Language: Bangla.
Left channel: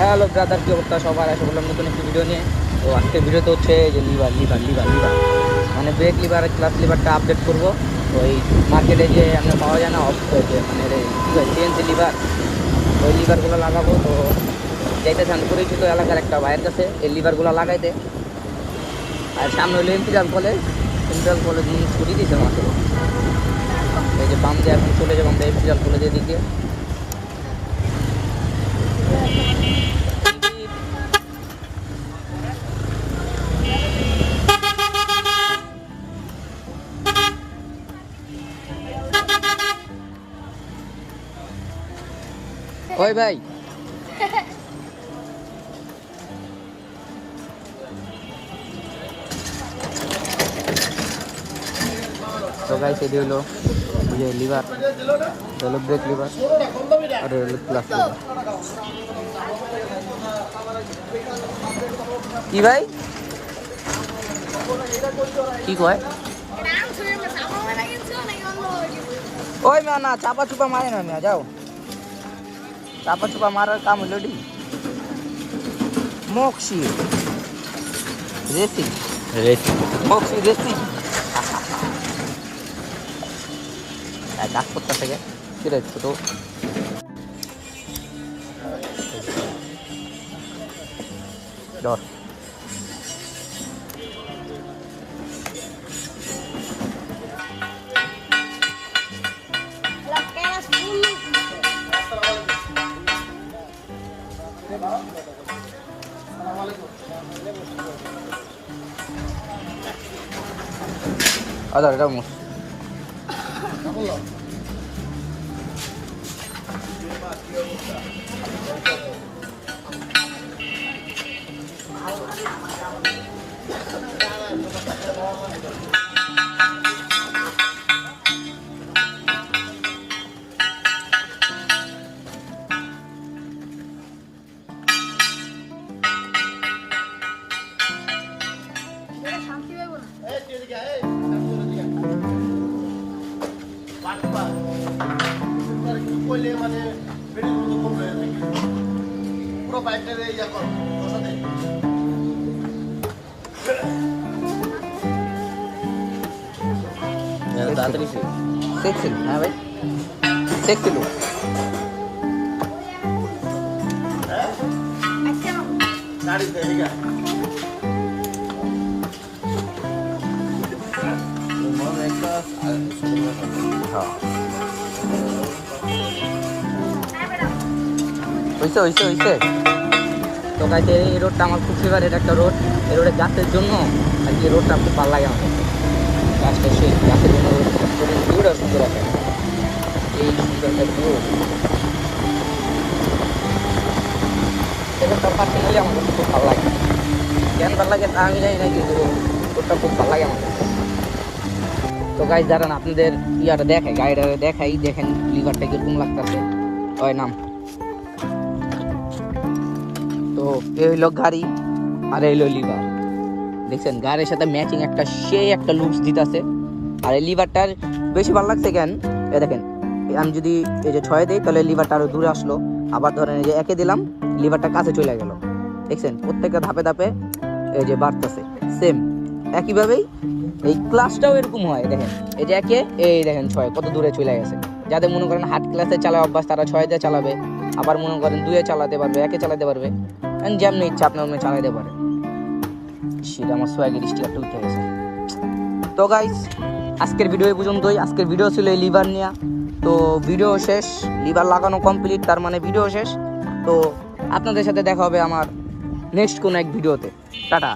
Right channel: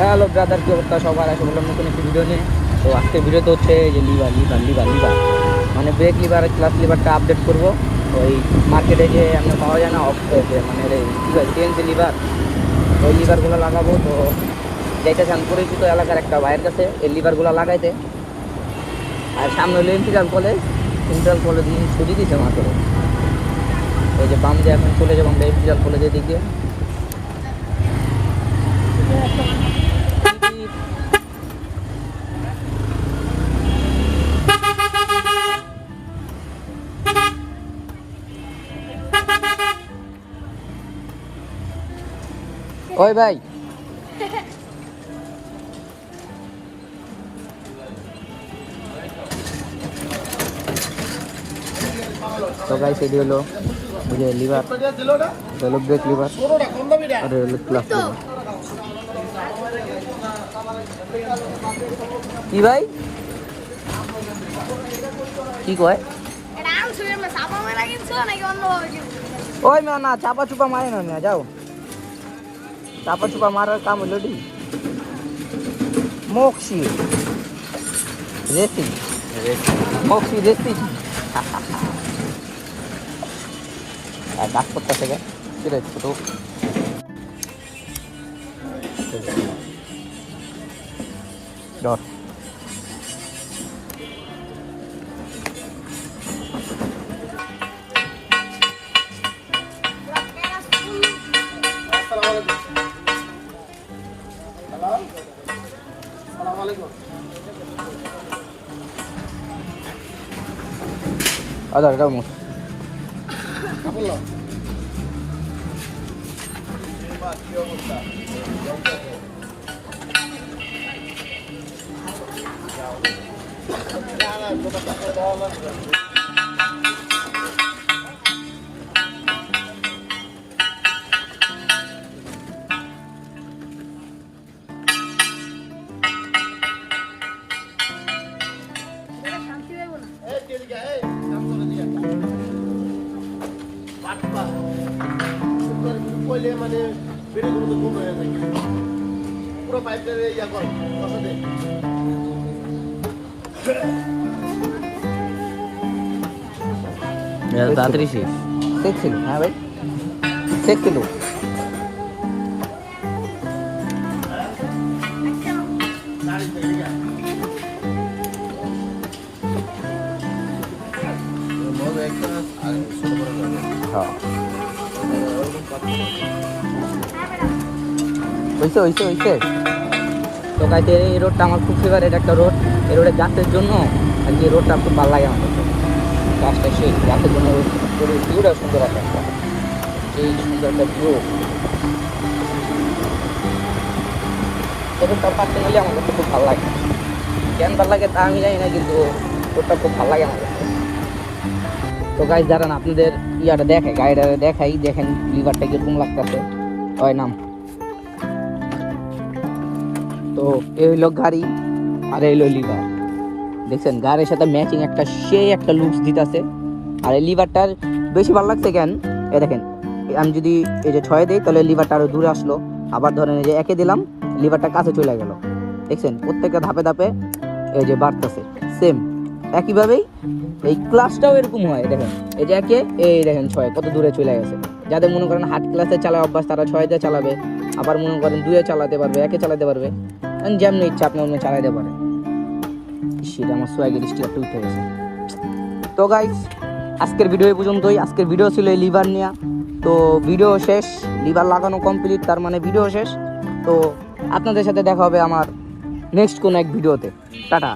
হ্যালো ব্রাদার, কি অবস্থা সবার? আসে বললাম নতুন একটি ভিডিও নিয়ে। তো আজকের ভিডিওতে হচ্ছে যে লিভার মানে ব্রেক লিভার ক্লাস লিভারটা আপডেট করবো। তো এই মার্কেটে যে আপনার পাওয়া যায় না যে মানে কী হয় সিএনসি লিভার, ওই লিভারগুলো লাগাবো। তো যাইতেছে আমি পরিচিত এলাকার একটা ভাইয়ের কাছে এই লিভারগুলো লাগাইতে। আর সামনে হলো ইম্পিরিয়াল কলেজ ছুটি দিয়েছে মাত্র। এই যে বাম দিয়ে এখন চলে যাবো আমরা ইম্পিরিয়াল কলেজের দিক দিয়ে। ওই ভাই, তো গাইস এটি হলো বুঝে লিভার, হলো ব্রেক লিভার আর হলো ক্লাস লিভার। কি ভাই কি কয়? ওই মা না চাপা চুপা মারে না, যাও চাপা চুপা মারার কাম হইল D moxie racing moxie racing. কাজ করতেছে গে কিরে ছোট। ডর আদার মুস মানে বেড়ে কম হয়ে যায় পুরো পাইপটা এই যা কর বসাতে তাড়াতাড়ি সেক্সিল। হ্যাঁ ভাই সেক্সিল হইছে। তো গাইতে এই রোডটা আমার খুব ফেভারিট একটা রোড। এই রোডে গাছের জন্য আর কি রোডটা খুব ভালো লাগে আমার কাছে। গাছটা সেই গাছের জন্য রোডের ভিউটা সুন্দর আছে একটা, সেই সুন্দর একটা ভিউ। রোডটা পার্সোনালি আমার কাছে খুব ভালো লাগে। কেন ভালো লাগে তা আমি জানি না, কিন্তু রোডটা খুব ভালো লাগে আমার কাছে। তো গাইস দাঁড়ান আপনাদের ইয়াটা দেখাই, গাড়িটা দেখাই, দেখেন লিভারটা কিরকম লাগতেছে। ওই নাম তো এই হইলো গাড়ি আর এই হইলো লিভার। দেখছেন গাড়ির সাথে ম্যাচিং একটা সেই একটা লুকস দিতেছে। আর এই লিভারটার বেশি ভালো লাগছে কেন, এ দেখেন আমি যদি এই যে 6 দিই তাহলে লিভারটা আরো দূরে আসলো। আবার ধরেন এই যে 1 দিলাম লিভারটা কাছে চলে গেল। দেখছেন প্রত্যেকটা ধাপে ধাপে এই যে বাড়তেছে সেম একইভাবেই। এই ক্লাসটাও এরকম হয়, দেখেন এই যে 1 এই দেখেন 6 কত দূরে চলে গেছে। যাদের মনে করেন হার্ড ক্লাসে চালায় অভ্যাস তারা 6 দিয়ে চালাবে, আবার মনে করেন 2 চালাতে পারবে, 1 চালাতে পারবে, যেমন ইচ্ছা আপনি অন্য চালাতে পারে। সেটা আমার সোয়াগের স্টিকারটা উঠে গেছে। তো গাইস আজকের ভিডিও পর্যন্তই। আজকের ভিডিও ছিল এই লিভার নিয়ে। তো ভিডিও শেষ, লিভার লাগানো কমপ্লিট, তার মানে ভিডিও শেষ। তো আপনাদের সাথে দেখা হবে আমার নেক্সট কোনো এক ভিডিওতে। টাটা।